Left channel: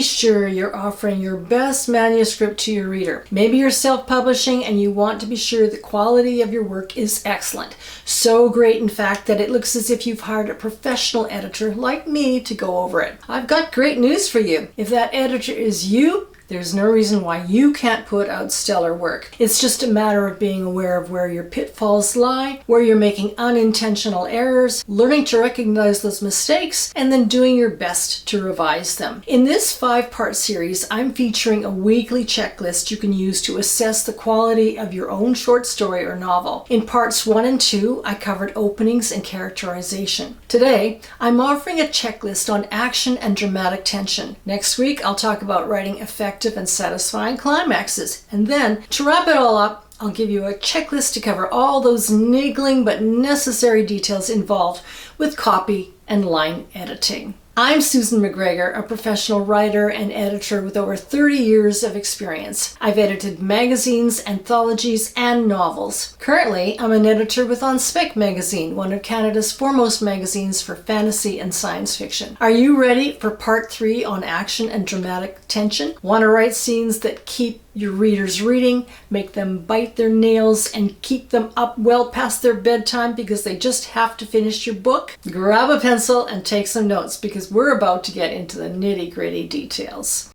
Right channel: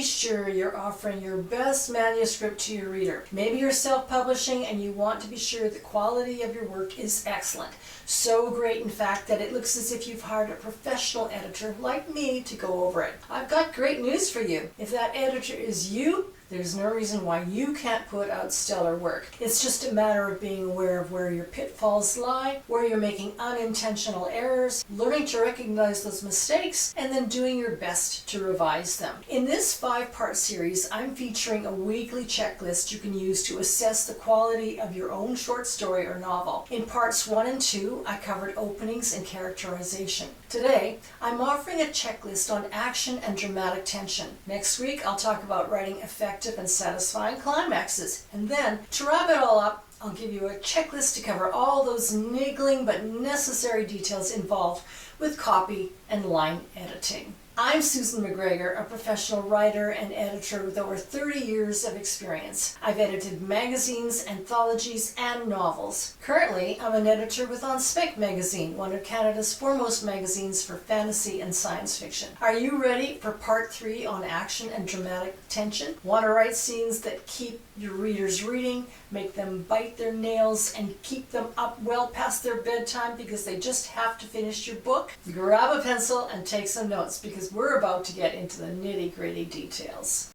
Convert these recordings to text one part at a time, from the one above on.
be sure you're offering your best manuscript to your reader. Maybe you're self-publishing and you want to be sure the quality of your work is excellent. So great, in fact, that it looks as if you've hired a professional editor like me to go over it. I've got great news for you. If that editor is you, there's no reason why you can't put out stellar work. It's just a matter of being aware of where your pitfalls lie, where you're making unintentional errors, learning to recognize those mistakes, and then doing your best to revise them. In this 5-part series, I'm featuring a weekly checklist you can use to assess the quality of your own short story or novel. In parts 1 and 2, I covered openings and characterization. Today, I'm offering a checklist on action and dramatic tension. Next week, I'll talk about writing effective and satisfying climaxes. And then, to wrap it all up, I'll give you a checklist to cover all those niggling but necessary details involved with copy and line editing. I'm Susan McGregor, a professional writer and editor with over 30 years of experience. I've edited magazines, anthologies, and novels. Currently, I'm an editor with On Spec magazine, one of Canada's foremost magazines for fantasy and science fiction. Are you ready for part 3 on action and dramatic tension? Want to write scenes that keep your readers reading, make them bite their nails, and keep them up well past their bedtime because they just have to finish your book? Grab a pencil and take some notes because we're about to get into the nitty-gritty details.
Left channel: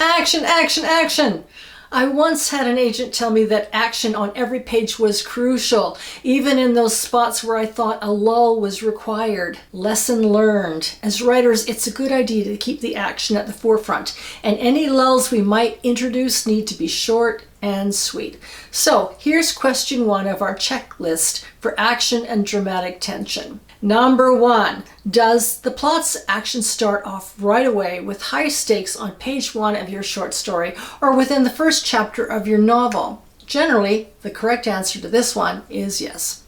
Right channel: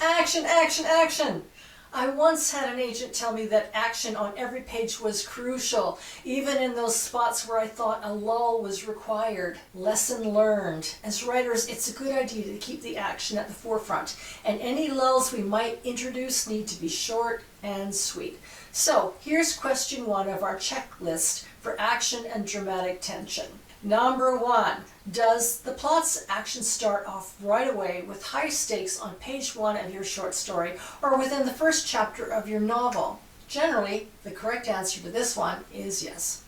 Action, action, action! I once had an agent tell me that action on every page was crucial, even in those spots where I thought a lull was required. Lesson learned. As writers, it's a good idea to keep the action at the forefront, and any lulls we might introduce need to be short and sweet. So here's question 1 of our checklist for action and dramatic tension. Number 1, does the plot's action start off right away with high stakes on page 1 of your short story or within the first chapter of your novel? Generally, the correct answer to this one is yes.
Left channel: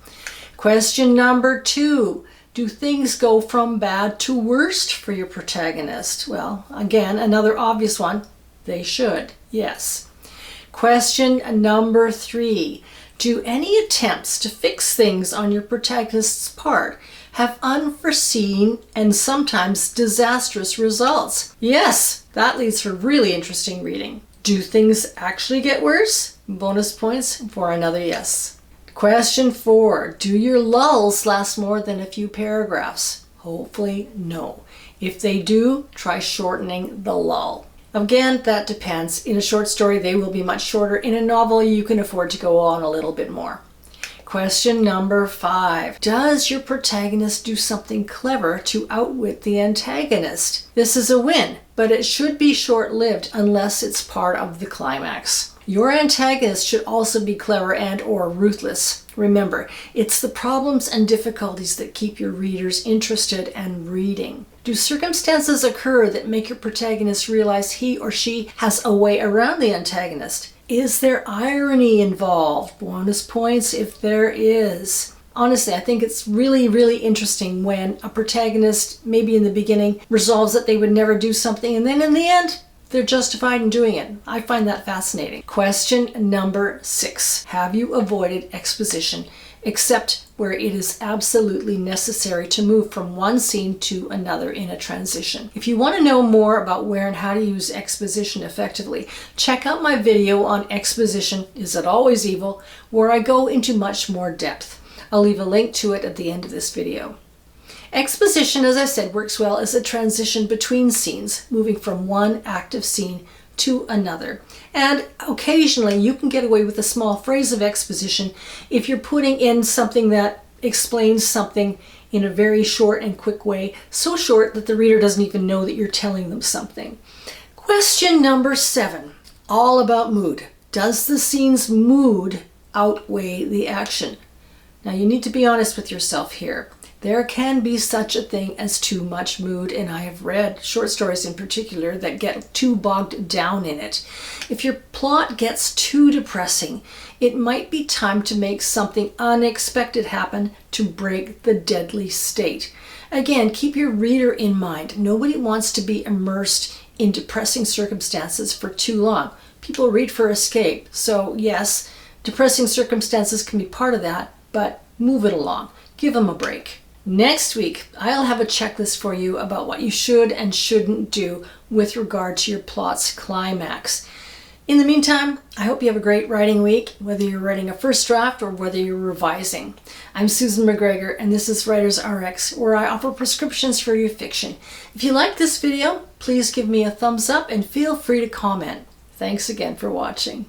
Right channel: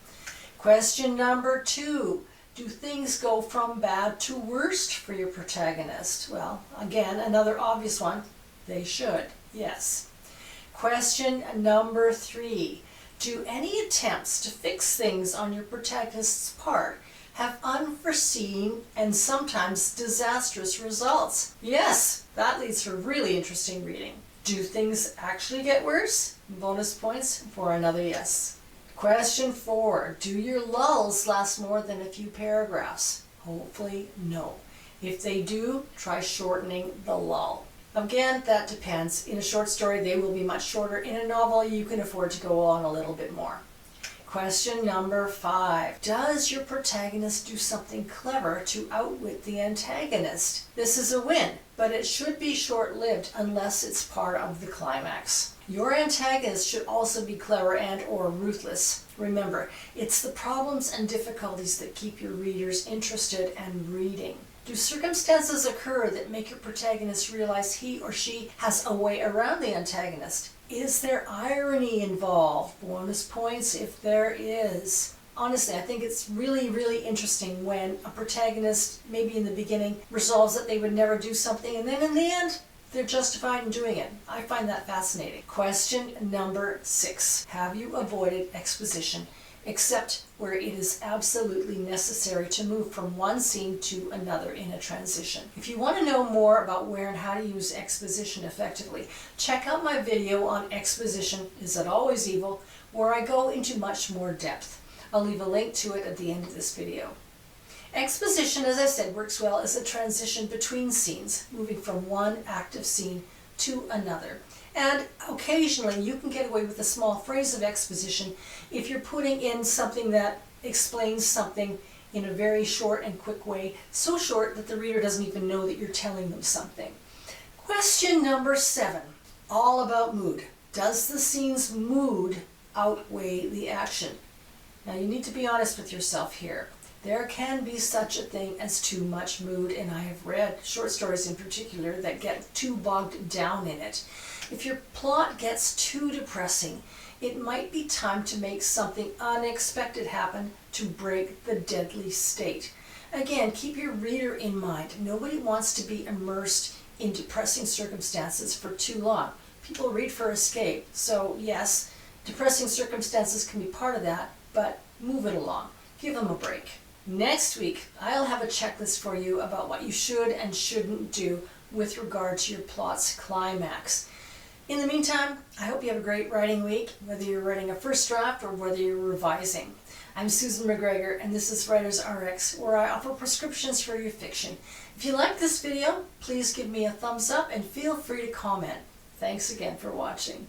Question number 2, do things go from bad to worst for your protagonist? Well, again, another obvious one, they should, yes. Question number 3, do any attempts to fix things on your protagonist's part have unforeseen and sometimes disastrous results? Yes, that leads for really interesting reading. Do things actually get worse? Bonus points for another yes. Question 4, do your lulls last more than a few paragraphs? Hopefully no. If they do, try shortening the lull. Again, that depends. In a short story, they will be much shorter. In a novel, you can afford to go on a little bit more. Question number 5. Does your protagonist do something clever to outwit the antagonist? This is a win, but it should be short-lived unless it's part of the climax. Your antagonist should also be clever and/or ruthless. Remember, it's the problems and difficulties that keep your readers interested and reading. Do circumstances occur that make your protagonist realize he or she has a way around the antagonist? Is there irony involved? Bonus points if there is. Honestly, I think it's really, really interesting when a protagonist, maybe in the beginning, resolves that they would never do something, and then in the end, they're justified in doing it. I find that fascinating. Question number 6. Have you avoided exposition except where it is absolutely necessary to move from one scene to another in a transition? If you want to know more about where and how to use exposition effectively, check out my video on exposition, Is It Always Evil?, where I go into much more depth. I'll leave a link to it at the end of this video. Exposition, as I said, works well as a transition between scenes, moving from one active scene to another. And occasionally you can get away with a small phrase of exposition if you're putting in something that explains something in a very short and quick way, so short that the reader doesn't even know that you're telling them something. Question number 7, all about mood. Does the scene's mood outweigh the action? Now you need to be honest with yourself here. There can be such a thing as too much mood, and I have read short stories in particular that get too bogged down in it. If your plot gets too depressing, it might be time to make something unexpected happen to break the deadly state. Again, keep your reader in mind. Nobody wants to be immersed in depressing circumstances for too long. People read for escape. So yes, depressing circumstances can be part of that, but move it along. Give them a break. Next week, I'll have a checklist for you about what you should and shouldn't do with regard to your plot's climax. In the meantime, I hope you have a great writing week, whether you're writing a first draft or whether you're revising. I'm Susan McGregor, and this is Writers RX, where I offer prescriptions for your fiction. If you like this video, please give me a thumbs up and feel free to comment. Thanks again for watching.